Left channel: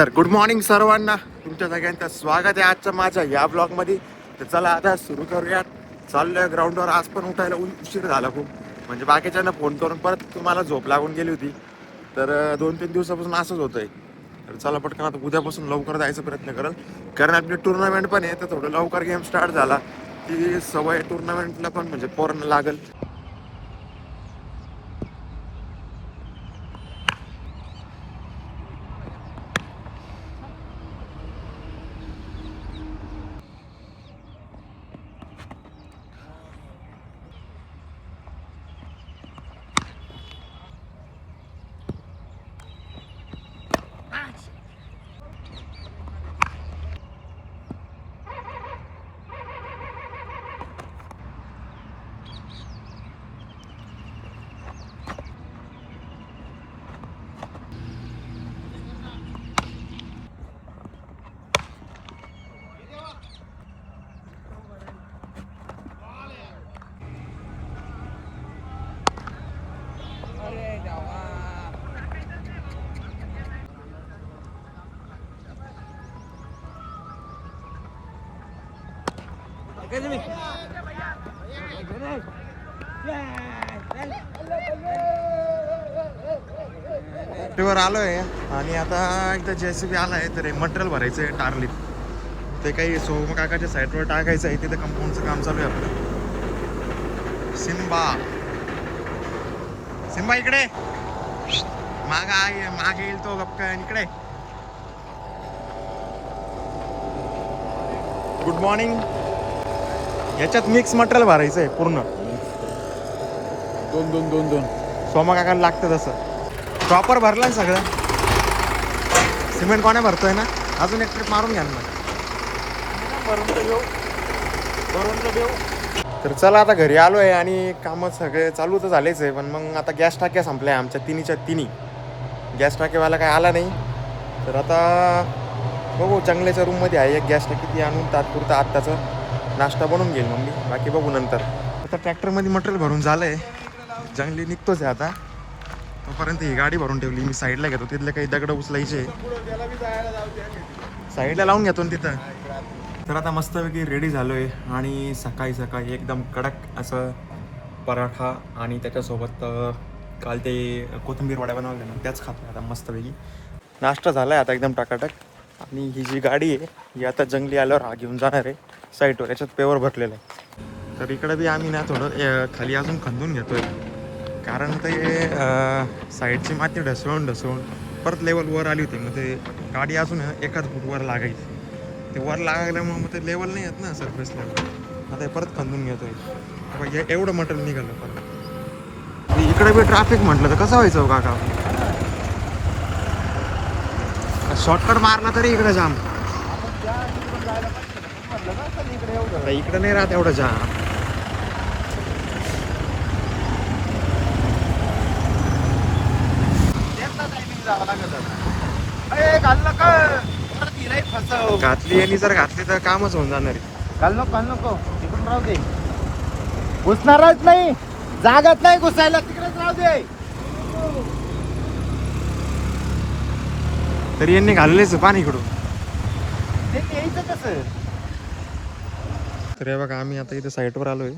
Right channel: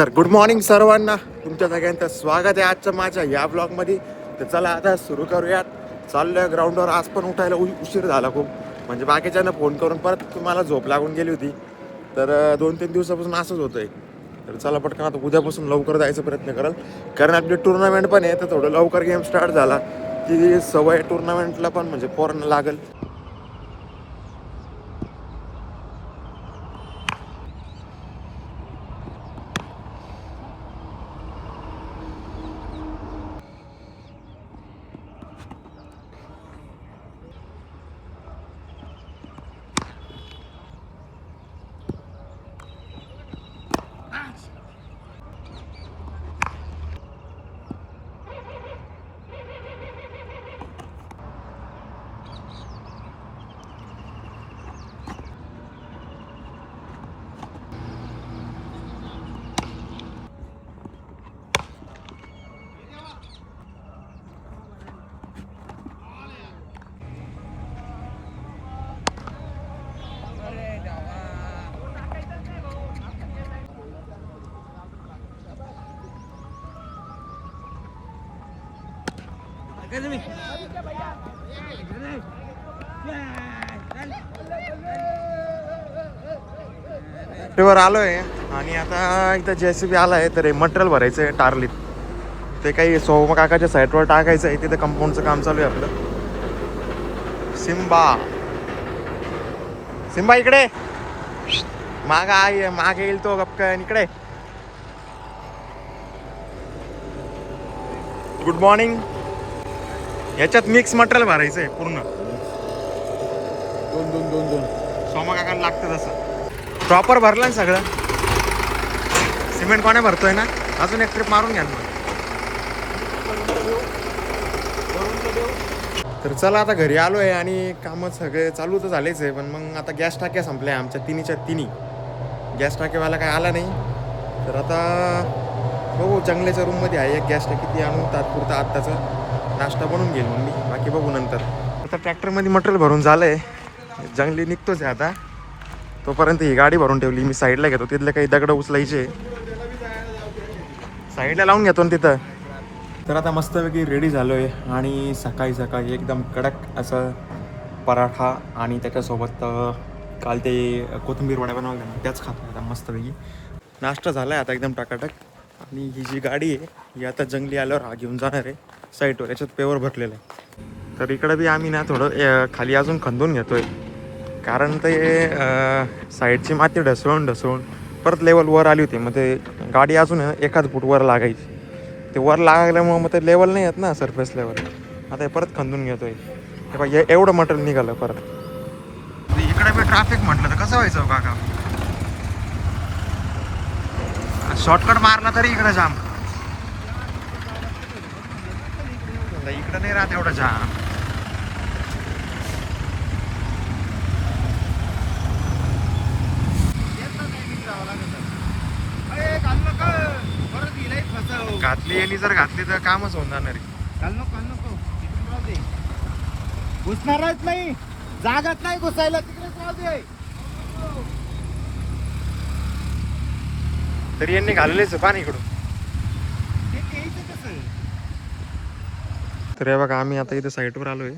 तर good morning सर्वांना, तुमच्या सगळ्यांचं स्वागत आहे आजच्या माझ्या या ब्लॉगमध्ये. तर चला आता सुरू करूयात. चाललोय ग्राउंडवर. आज पण उठायला उशीर झाला खूप, म्हणजे बाकीच्यांना फोन करून परत तुम्हाला झोप लागून गेली होती. तर 2-3 दिवसापासून असंच होतंय. तर चला पटकन आता उद्यापासून लवकर जायचा प्रयत्न कराल, कारण आपली टुर्नामेंट पण आहे. तर थोडं लवकर गेम स्टार्ट झाला की सवय टुर्नामेंटला पण म्हणजे पोरांना लागेल. वर आलोय आणि आता इथं JCB आलाय. तर मटेरियल भरायचं आहे टारलीत. ते काही सोम काकाच्या साईटवर टाकायचं आहे. तिथे कंपाऊंडचं काम चालू आहे आपलं. सिम्बा इकडे मागे येईल तो गपकन इकडे. Good morning. याच्यात मिक्स मटेरियल भरायचं आहे पूर्ण. दोन सोमा काकाला लागतं तसं. प्रॉपर भरलं ना सगळं. सिमेंट कोणा भरतोय ना. अजून एक ट्रिप मारून घ्या ना. तर चला आता घरी आलोय आणि कामं सगळे चालू तर झालेच आहे. पण मग आता गॅस टाक्या संपल्या आमच्या तिन्ही गॅस टाकेवाला काय आला नाही. तर आता बघू, जंगल्याच्या रूममध्ये आहे एक गॅस टाकी, ती आणून तात्पुरता आत्ताचा नाश्ता बनवून घेईल मग मी. बाकी बघू नंतर. आता ट्रॅक्टरमध्ये मटेरियल भरून झालंय. जंगली निघतोच आहे आता. तोपर्यंत ही गाडी भरून ठेवली मी, साईडला घेतो. तिथले काही दगड उचलायचे साईडला लावून घेतो ना तिथं. तर आता मस्तपैकी रेडी झालो आहे आणि सकाळी एकदम कडक असं पराठा आणि त्याच्यासोबत काल ते कोथिंबीर वड्या बनवल्या ना, त्याच खातो आता मस्तपैकी. नाश्ता झाला आहे आता एकदम टाकाटक. आणि ही जी गाडी आहे ही आता जंगली आल्यावर हा घेऊन जाणार आहे साईटवर. याच्यात पेवर भरलेलं आहे. तर इकडं बी आम्ही ना थोडं खाली अजून खंदून घेतो आहे, कारण ते साईडची माती ढसळून परत लेवल वर आली होती. मग ते गाडी अजून 1 फूट वर लागायची. ते वर लागल्यामुळं मग ते लेवल नाही येत ना, सरफेस लेवल. आता हे परत खंदून घेतोय. हे एवढं मटेरियल निघालं परत. इकडे बी ट्रॅफिक म्हटलं तर कसं व्हायचं काका. शॉर्टकट मारला तरी इकडे जाम. इकडे नाही राहत एवढं जाम. घातली यांनी जर घातली तर कामच होऊन जाणार आहे. काल नको तिकडून राहू दे. घुसणारच नाही, जागाच नाही घुसायला, तिकडेच राहू दे. तरी यांनी घाललेच पाणी इकडून. यायचं कसं. तर हे बघा, आम्ही आता इथे साईटवर आलोय.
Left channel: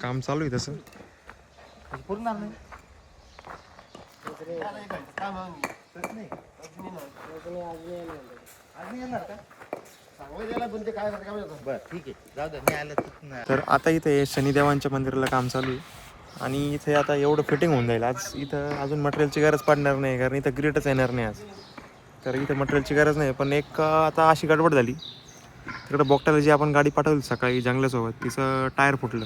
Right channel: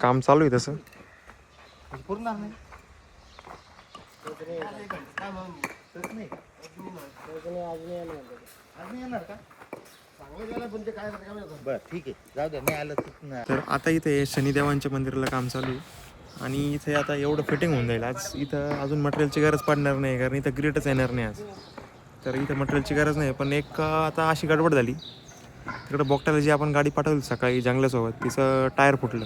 काम चालू आहे तसं. पुरणार नाही. तर आता इथे शनिदेवांच्या मंदिराला काम चालू आहे आणि इथे आता एवढं फिटिंग होऊन जाईल. आज इथं अजून मटेरियलची गरज पडणार नाही, कारण इथं ग्रिटच येणार नाही आज. तर इथं मटेरियलची गरज नाही. पण एक आता अशी गडबड झाली, तिकडं बोगट्याला जी आपण गाडी पाठवली सकाळी जंगल्यासोबत, तिचं टायर फुटलं.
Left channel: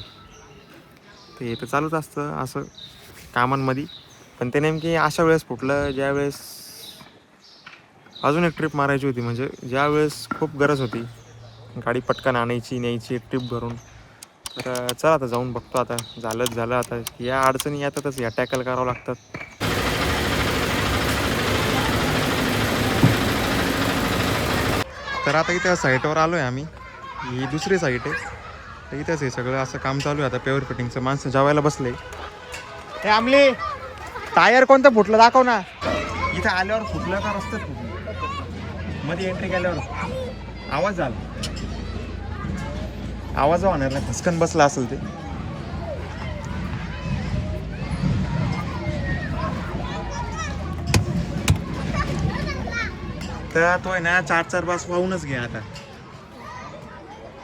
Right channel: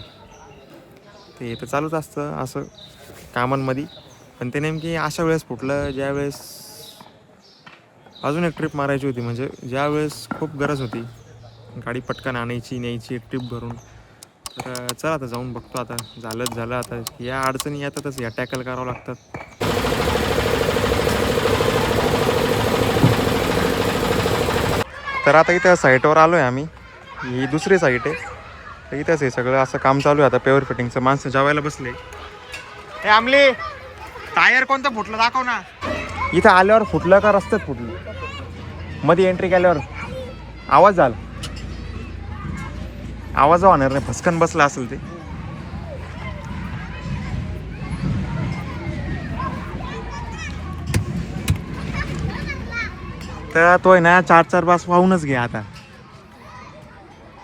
ते इथं चालूच असतं असं कामांमध्ये. पण ते नेमकी अशा वेळेस फुटलं ज्यावेळेस अजून एक ट्रिप मारायची होती, म्हणजे ज्यावेळेस खूप गरज होती गाडी पटकन आणायची न्यायची ट्रिप भरून. तर चला आता जाऊन बघतो. आता झालं आता या अडचणी येतातच, या टॅकल करावं लागतात. तर आता इथं साईटवर आलो आहे आम्ही. ही दुसरी साईट आहे. तर इथंच आहे सगळं असं काम चालू आहे आता पेवर फिटिंगचं. माणसं जेवायला बसले. हे आमले टायर कोणतं फुटलं दाखव ना. इथं आल्यावर फुटलं का रस्त्यात फुटलं. मध्ये एंट्री केल्यावर आवाज झाला, आवाज होणार नाही, फसकन बसला असेल ते. तर तो आहे ना 4-4 बस वाहूनच घ्या आता.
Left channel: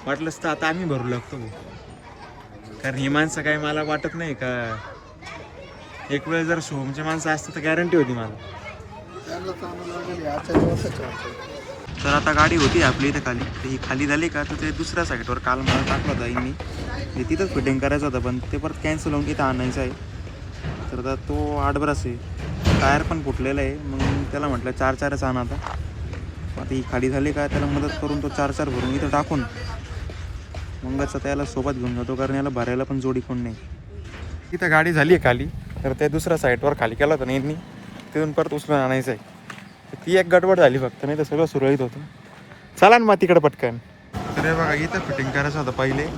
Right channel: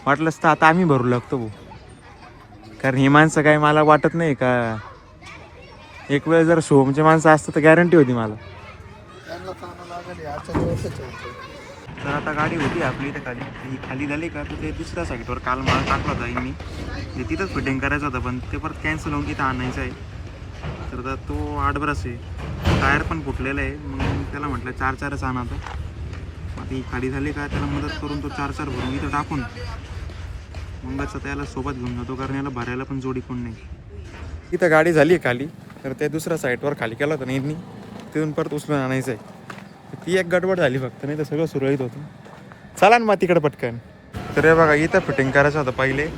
वाटलंच तर आता आम्ही भरू लागतो भाऊ, कारण ही माणसं काही मला वाटत नाही का एक वेळ जर शोमची माणसं असतं तर गॅरंटी होती मला. तर आता गाडी होती आपली इथे खाली, ही खाली झाली का तर ते दुसऱ्या साईडवर काल माल टाकला होता यांनी, ते तिथंच फिटिंग करायचं होतं पण ते परत कॅन्सल होऊन इथं आणायचं आहे. तर आता तो 8 ब्रश आहे, टायर पण फुटलेला आहे. मग त्याला म्हटलं 4-4च आणा आता. आता ही खाली झाली का त्याला मदत करून तो 4-4 भरून इथं टाकून मगच त्याला सोबत घेऊन जातो, कारण याला भरायला पण जोडी कोण नाही. इथं गाडी झाली आहे खाली, तर ते दुसऱ्या साईडवर खाली केलं होतं ना यांनी, तिथून परत उचलून आणायचं आहे. ती एक गडबड झाली फक्त, नाही तर सगळं सुरळीत होतं. चला ना मग तिकडे पटकन. तर हे बघा इथं फिटिंग करायचं होतं पहिले,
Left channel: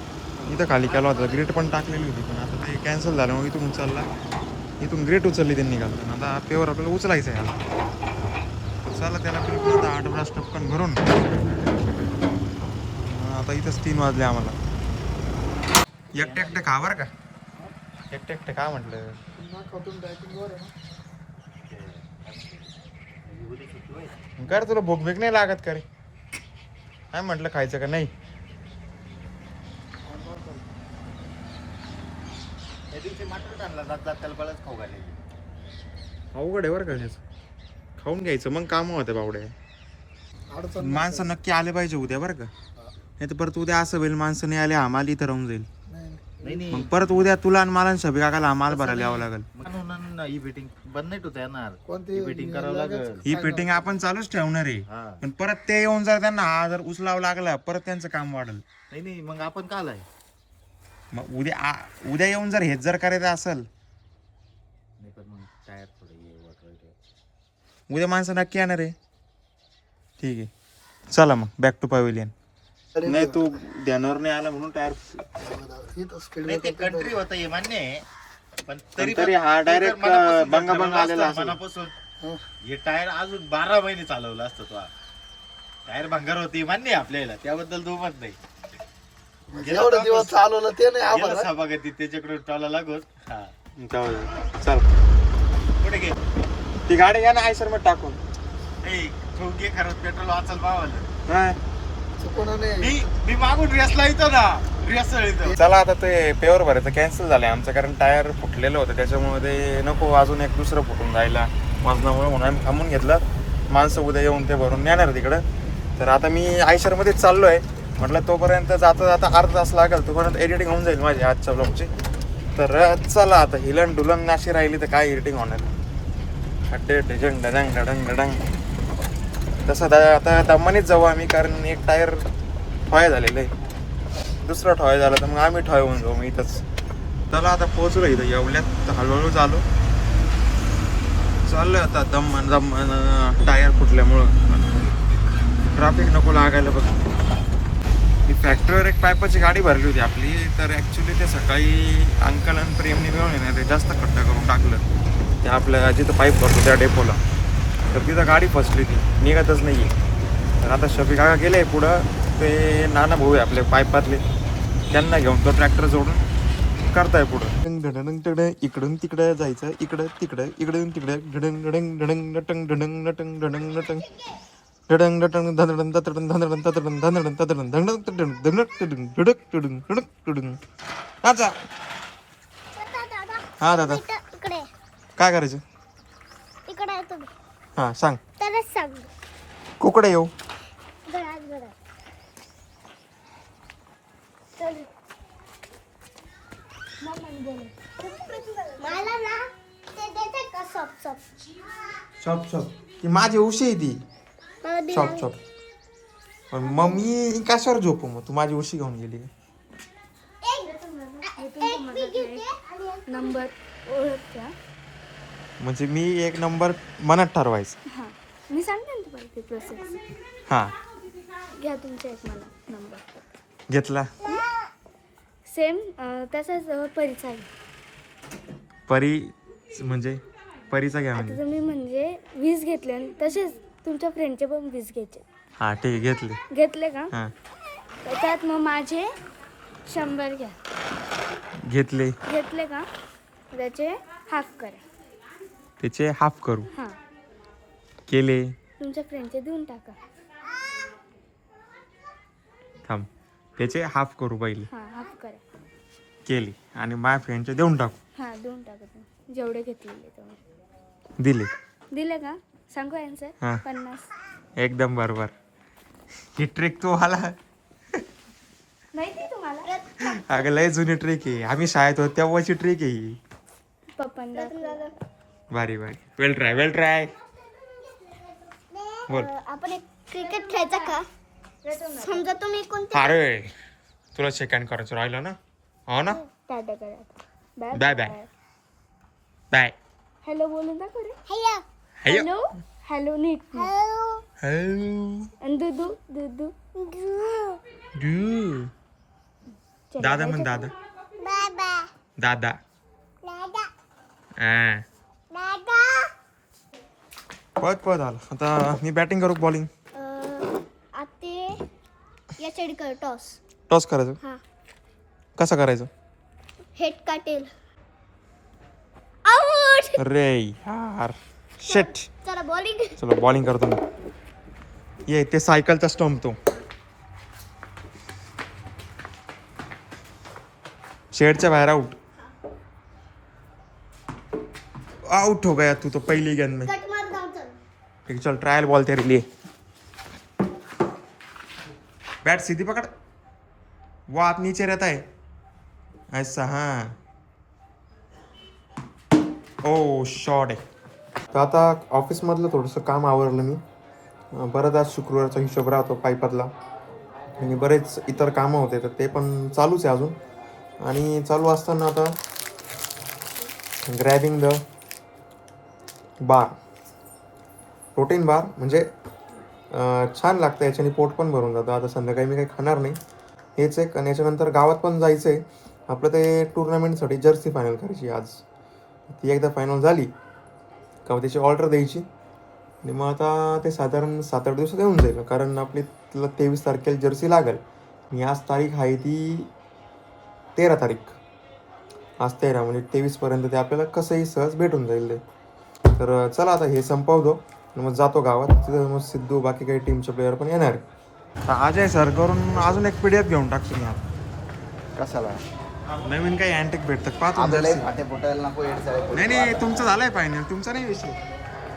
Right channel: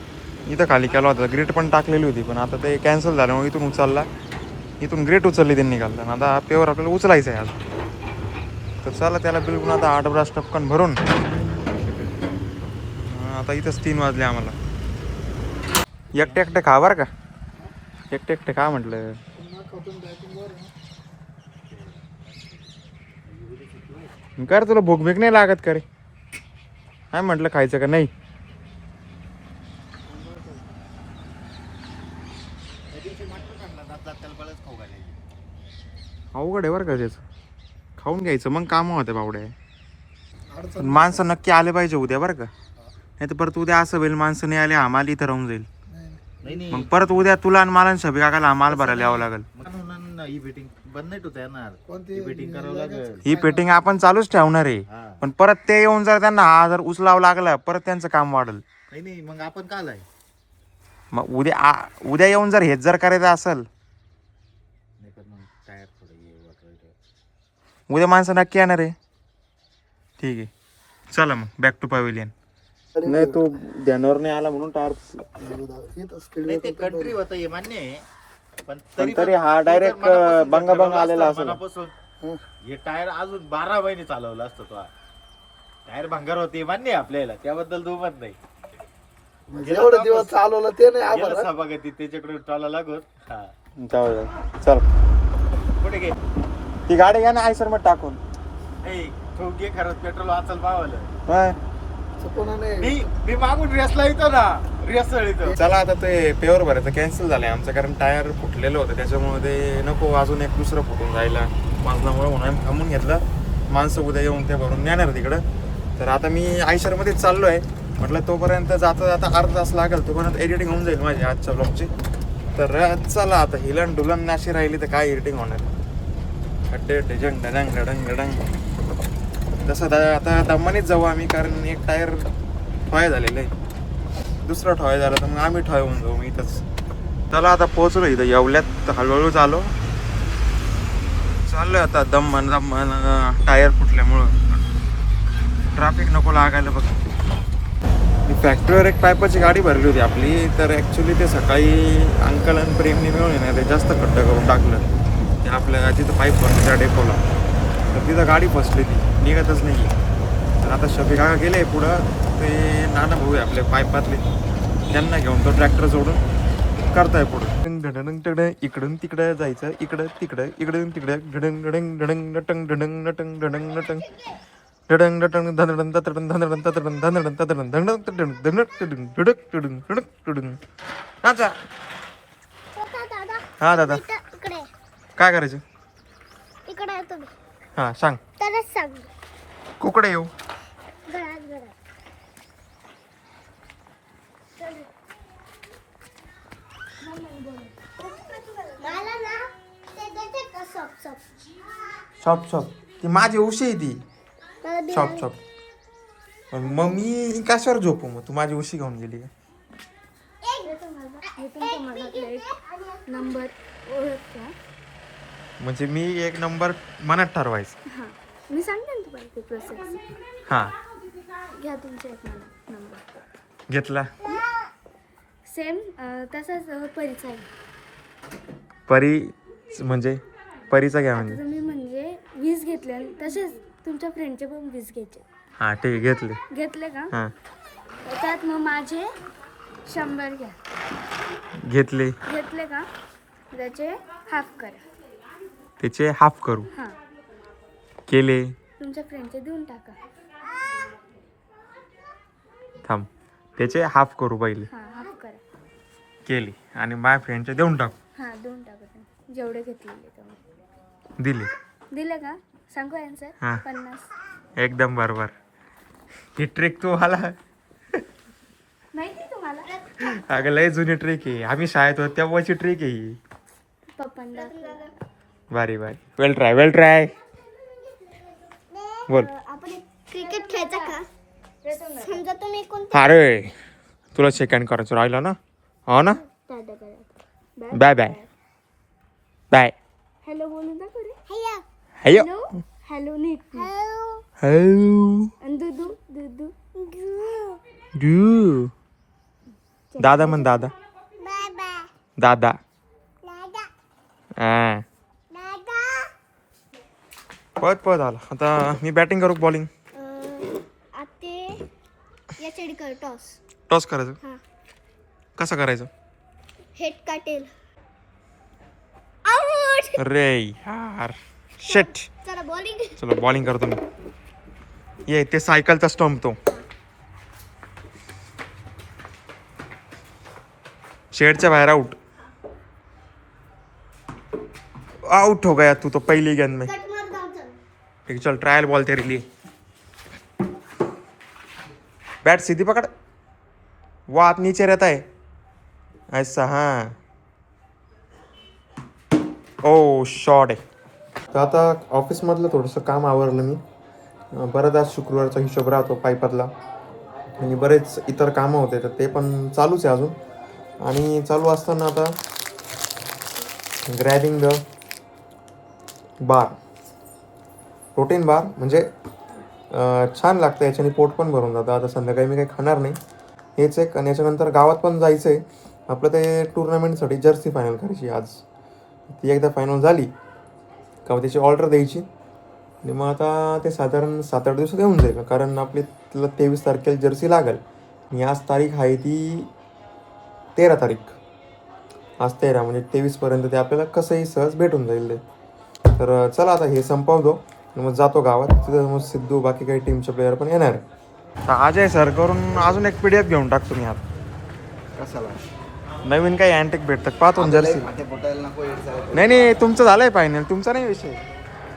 इथं खाली केला होता, ग्रेट पण टाकलेली होती पण आता ते कॅन्सल झालं. मग इथून उचलला, इथून ग्रेट उचलली त्यांनी घालताना. आता पेवर आपल्याला उचलायचं आहे आज. तर चला त्याला बिलकुल आता 8 ब्रास टपकन भरून. आता इथंच 3 वाजले आम्हाला. एकटे एकटे खा बरं का, एकटे एकटे खा म्हटलं. कर तुला भूक भीक नाही लागत का रे? काय म्हटलं खायचं का नाही? अवघड आहे बरं का त्याच, खाऊन घ्यायचं मग काम होते बावड्या. माणसं नक्की आले पाहिजे उद्या बरं का, नाही तर परत उद्या असं होईल माणसं नाही आले आम्हाला इथं राहून जाईल. मग परत उद्या तुला आणि मला शबी काकाला आम्हाला भरायला यावं लागेल. ही फिटिंग बंद नाही होत येणार, कोणती फिटिंग करावं लागेल. ही फिटिंग आपण चालूच ठेवणार आहे, पण परत ते येऊन जर त्यांना हा जर उचलावं लागला परत त्यांचं काम वाढेल. नाही मग आपण काय आहे मग उद्या येऊन जर हेच जर करायचं असेल, पण मग टायर थोडं उद्या माणसं नक्की येणार आहे. ठीक आहे चला मग बॅक टू पॅव्हिलियन. नाही तू ध्यानावर नाही आला म्हणून टायर कंट्री होतं हे मान्य आहे, पण तरी हा डायरेक्ट बंग आलेला असेल. मनापासून हे टायर अजून 12 महिने चालवलं असतं. तो टायर भंगार होती मान्य आहे आपल्याला, त्याबद्दल दुमत नाही. एवढं दिवस चालवलं ते नाही आम्हाला. सभागती त्याच्याकडे टॉला लागून. हा चल कुठे घे ती गाडी घ्या ना आयसर मध्ये टाकून. तू घे खरंच पेट्रोल वाचल पावलं. हा. चुकून नाही. मी मागून रेसला येतो ना, रेस येतो. चला आता ते पेवर भरायचं कॅन्सल झालंय आमचं, कारण टायर फुटलेलं होतं त्याच्यामुळे ते नको अजून एक दुसरं फुटून जायला वाजनामुळे, म्हणून आम्ही थांबून घेतलं. माणसं उद्या येऊन ते भरून नेणार तिकडं. तर आता मी आयशरमध्येच चाललो आहे. म्हटलं तोपर्यंत जाता जाता अर्धा तास लागेल, तोपर्यंत एडिटिंग होऊन जाईल माझी आजच्या ब्लॉगची. तर चला आता हिलन डुलन नाशी राहिली तर काय एडिटिंग होणार. खड्डे डजंग डडंग डडंग डडंग तसं आता दमानीच जाऊ आम्ही, कारण एक टायर ठॉय झालेलं आहे, दुसरा ठॉय झाला तर मग आम्ही ठॉय होऊन जाऊ मग इथंच. चला आता पोहोचलो इथं येवल्यात, हळूहळू चाललोय आता. दम टायर फुटल्यामुळं ट्रॅफिक नको लागायला बघ. मी फॅक्टरीवर एक पायपाची गाडी भरली होती आपली, तर ॲक्च्युली ते सकाळी अंकल आणि प्रेमने मिळून ना ते जास्त खड्डा करून टाकलं ते आपल्या जिथं पाईप भरतो त्या डेपोला. तर तिथं गाडी फसली, ती निघतच नाही आहे. तर आता शफी काका गेले पुढं, ते नाना भाऊ आहे आपले पाईपातले, त्यांना घेऊन तो ट्रॅक्टर जोडून करताय पुढं. तिकडे इकडून तिकडे जायचं, इकडं तिकडं, इकडून तिकडे ढडंग ढडंग ढडंग नटंग ढडंग नटंग ढडंग नटंग ढडंग नटंग धनडन ततडन धनडन ततडन धनडन ततडन धनडन ततडन धनडक तडन ढडक तडन ढडक तडन. अच्छा हा दादा काय करायचं इकडे आहे तुम्ही. हा सांग. तरच सांग. कुकडे येऊ. घरात चल. मला ना ते देते का सॉप. शॉप ती माझी उशी आहे ती. मला शॉप पण मम्मी कशावर झोपू मग, तू माझी उशी घेऊन गेली का? नंबर ओळखत्या म्हणजे मी एक नंबर मनात ठरवायचं. हां मी सांगते ना तुम्हाला ती प्रोसेस. हां घ्या तुमचा एक मला नंबर घेतला. सेम तसाच परिचय. परी म्हणजे परीचा घ्या म्हणजे तुम्ही म्हणजे 20 घेतले तसेच तुमच्या फ्रेंडचे पण 20 घ्यायचे. हां ठीक आहे, घेतले. घेतले का? हां त्याच्यात मग माझे 100 घ्या. घेतले. घेतले का? त्याचे हाफ करा. त्याचे हाफ करू. हां, केले. तुमच्या फ्रेंडचे देऊन टाका. थांब, त्याचे हाफ करू पहिले. हां, हाफ करा. केले आणि माझ्या फ्रेंडचे देऊन टाकू. हां, देऊन टाका तुम्ही जेवढे घेतलेले तेवढे. दिले. दिले का? सांगू आन्सर. हां. 50. एकदम बरोबर. ही ट्रिक तू आला. माहिती तुम्हाला? अगं लय जुनी ट्रिक आहे, आम्ही शाळेत होतो तेव्हाची ट्रिक आहे ही. पप्पांना भारी भारी. वेल ट्राय, वेल ट्राय. बोल. आपण एक क्रिकेट खेळायचा का? समजा तुम्ही कोणते अरे तुला सेकंड करायचं राहिलं ना. हो ना. टाटा करा. Bye bye bye. हॅलो बोलून दाखव रे. हॅलो हॅलो हॅलो नीट. हॅलो. आणि दुदू दुदू. डू. दादा म्हण दादा. दादा. हा पळत पळत आला. आता मी बॅटिंग करू बॉलिंग. आते या चढ कर टॉस. टॉस करायचं. हां, कसं करायचं? हेड काटेल. आउट. अरे यार शिट. चला बॉलिंग. चलो बॉलिंग करतो मी. ये ते सायकलचा स्टंप तो शेडच्या बाहेर. आउट. आउट हो गया तू तो पहली गेंद में. कट मार दाव चल. ठीक चल ट्रायल बॉल तेरे लिए. बैट सीधी पकड़. वो हाथ नीचे रहता है ऐसा. हाँ ओ शॉट आहे. तर आता ऑफिसमधलं थोडंसं काम आवरलं मी. बरंच आज शुक्रवारचा हिशोब राहतो पाईपातला आणि बरेच इतर कामं होते तर ते पण चालूच आहे अजून. आणि चालू असताना आता grabbing the bar protein bar म्हणजे छान लागतं याच्याने पोट पण भरून जातं. आता संध्याकाळी मी काही खाणार नाही हेच एक. आणि याच्यानंतर गावात पण जायचं आहे आपलं ते टुर्नामेंटसाठी जर्सी फायनल करायची आज. ती एकदा फायनल झाली का त्याची ऑर्डर द्यायची आणि मग आता ते साधारण 7-8 दिवसात येऊन जाईल कारण आपली तिला 23 तारखेला जर्सी लागेल. आणि आज तारीख आहे ती 13 तारीख. आज 13 म्हणजे 23पर्यंत ते आपल्याला कसंही सहज भेटून जाईल ते. तर चला आता हे संपवतो आणि मग जातो गावात. तिथं मग सिद्धू बाकी काही टीमचे प्लेयर पण येणार. तर अजय सर करून अजून एक PDF घेऊन टाकतो मी आता. कशाला नवीन काही अँटिक भेटतात पाहतो जर्सी. फाटे फुटायला नको नाही नाही तुमचं झालंय फायनल. तुमचा नाही विषय.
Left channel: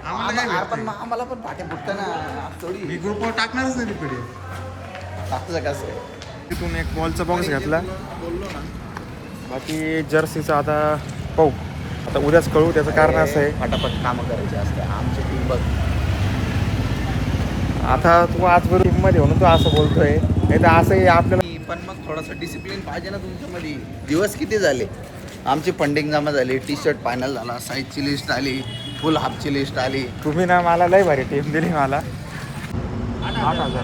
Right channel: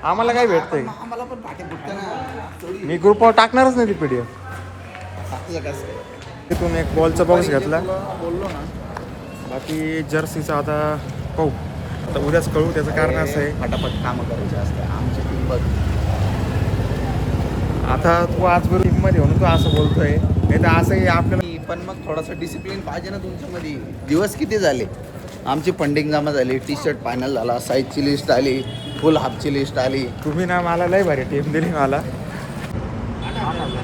आम्हाला काय भेटतं. आम्हाला पण फाटे फुटतं ना थोडी. मी ग्रुपवर टाकणारच नाही ती PDF. टाकलं कसं आहे. तिथून एक बॉलचा बॉक्स घेतला. बोललो ना बाकी जर्सीचं आता पाहू. आता उद्याच कळू. त्याचं कारण असं आहे फटाफट कामं करायची असते आमची टीम बघ. आता तू आजबरोबर टीममध्ये म्हणून तू असं बोलतोय. नाही तर असंही आपल्याला पण मग थोडासा डिसिप्लिन पाहिजे ना तुमच्यामध्ये. दिवस किती झाले आमची फंडिंग जमा झाली. T-शर्ट फायनल झाला. साईजची लिस्ट आली. फुल हाफची लिस्ट आली. तुम्ही ना मला लय भारी टीम दिली मला. 8,000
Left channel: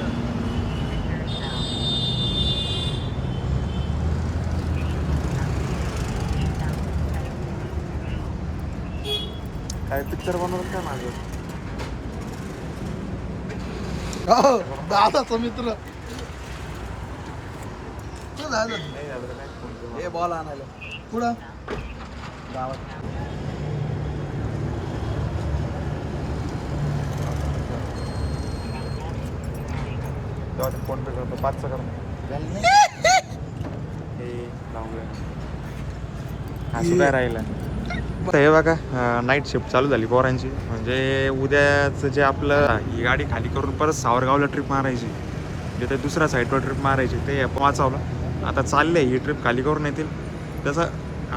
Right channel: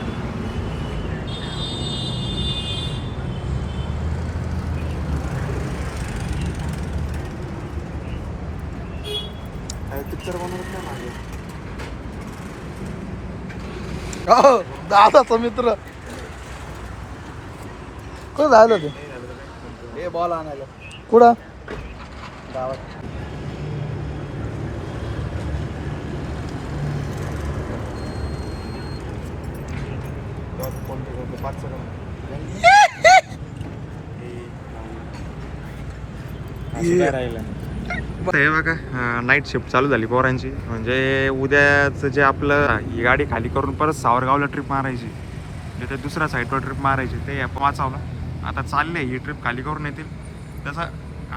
काय पिक्चर बनवत काय माझं. हो दादाचा मित्र कुठं झालं ते. हे बॉल आणायला कुठं गावात. फोन पे करतो 5चं कर. असं काय राहिलं. हे बघा नाईट शिफ्ट चालू झाली पोरांची. म्हणजे उद्याचं जे आपलं ही गाडी खाली करून परत सावरगावला ट्रिप मारायची. म्हणजे ते दुसऱ्या साईडवर ट्रिप मारायची ते वाचवलं. आता चालले ही ट्रिप खाली करून येतील. तसं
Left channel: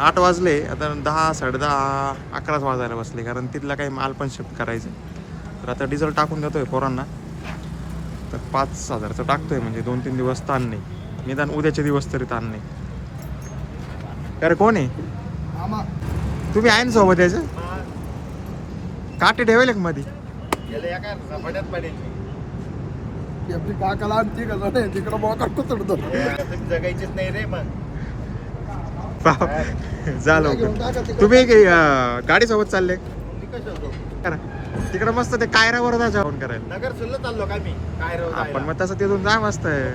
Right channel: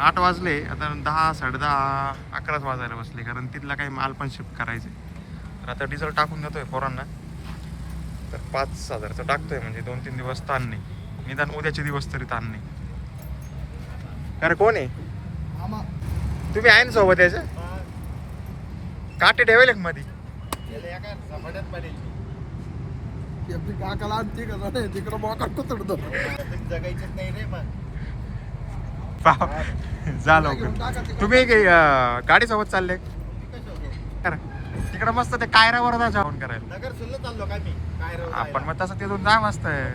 8 वाजले आता 10, 10:30, 11 वाजायला बसले कारण तिथला काही माल पण शिफ्ट करायचं आहे. तर आता डिझेल टाकून देतोय पोरांना. तर 5,000चं टाकतोय म्हणजे 2-3 दिवस ताण नाही. निदान उद्याचे दिवस तरी ताण नाही. अरे कोण आहे तुम्ही आहे ना सोबत यायचं. काटे ठेवायला मध्ये काकाला तिकडं मोकाट तुडतो जगायचीच नाही रे. मग जा लवकर. तुम्ही गाडी सोबत चालले करा. तिकडे मस्त ते कायरावर जा जेवण करायला. नगर सुल्ल चाललो काय मी काय आपण मग तसं तिथून जा मस्त आहे.